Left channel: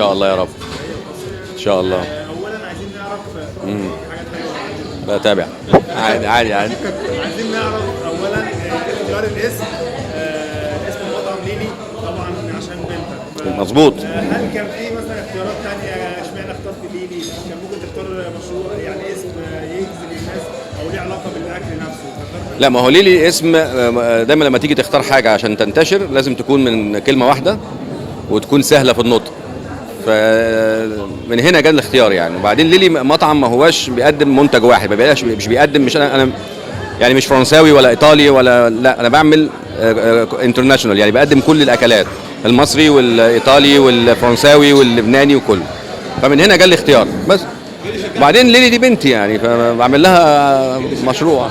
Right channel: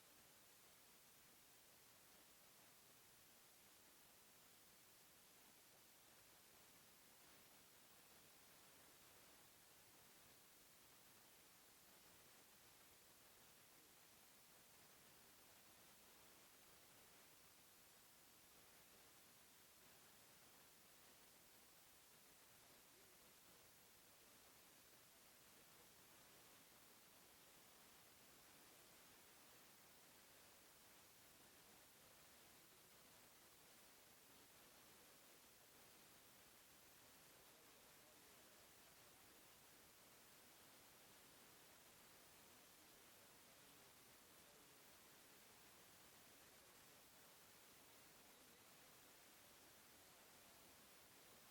شاء الله يا رب. ان شاء الله. اولا عايزين نعرف حاجات حلوه. بتابع. عادي عادي عادي. عايزين نعرف اولا اختيار الاسم، اسم المطعم ليلي طبعا عشان بنتك. مظبوط. هل كان في مثلا اختيارات تانية؟ اشمعنى اخترت ليلي؟ كان ممكن تختار مشروع يعني اسم يجذب الناس او ليه علاقه بالاكل نفسه. لا، ما هو ليلي اسم دايما لما تيجي تختار حاجه عشان تنتشر لازم تكون من كلمه واحده وتكون سهله في النطق. فمن هنا جاء الاختيار يعني. وبعدين ليلي مطعم ما هواش بيقدم منتج واحد، ما بيبقاش مش بيقدم، مش انا يعني مش فرنساوي ولا ايطالي ولا، لا انا بعمل انترناشونال، يعني بقدم كل الاكلات، المصري والايطالي والفرنساوي واللبناني وكله. فمن هنا جاء الاختيار بس. وبعدين ليلي دي بنتي يعني، فبعمل لها مشروع.